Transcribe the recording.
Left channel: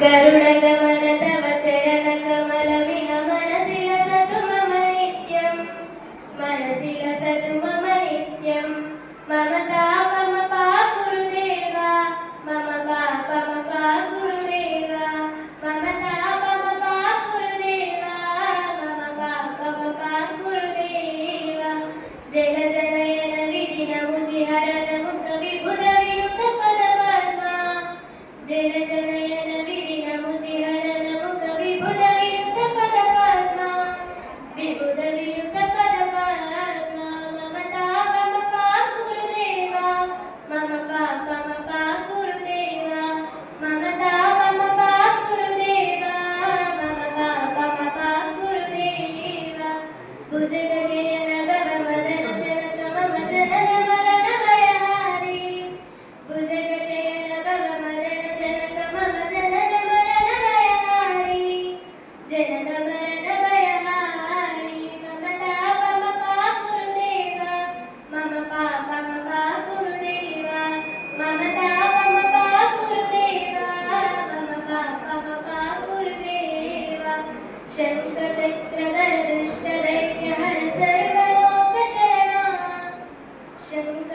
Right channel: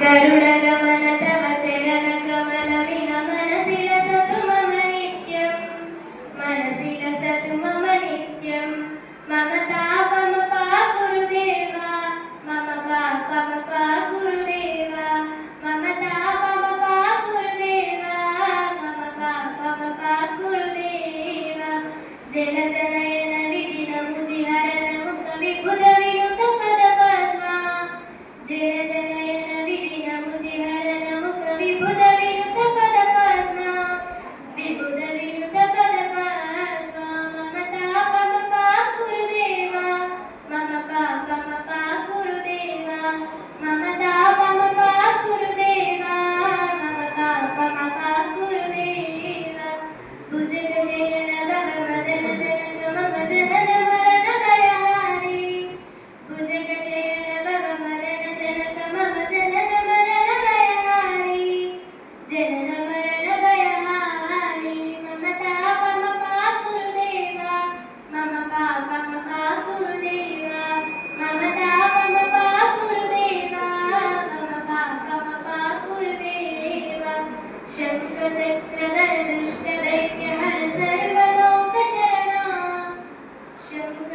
गरुडगमन तव चरणकमलमिह मनसि लसतु मम नित्यं मनसि लसतु मम नित्यं मम तापमपा गुरुदेवा मम पापमपा गुरुदेवा मम तापमपा गुरुदेवा मम पापमपा गुरुदेवा जल जनयन विधिनमुजिहरन मुख विबुध विनुत पद पद्मा जल जनयन विधिनमुजिहरन मुख विबुध विनुत पद पद्मा विबुध विनुत पद पद्मा मम तापमपा गुरुदेवा मम पापमपा गुरुदेवा मम तापमपा गुरुदेवा मम पापमपा गुरुदेवा भुजगशयन भगवदन जनक मम जनन मरण भयहारी भुजगशयन भगवदन जनक मम जनन मरण भयहारी जनन मरण भयहारी मम तापमपा गुरुदेवा मम पापमपा गुरुदेवा मम तापमपा गुरुदेवा मम पापमपा गुरुदेवा शङ्खचक्रधर दुष्टदैत्यहर सर्वलोकशरणा शङ्ख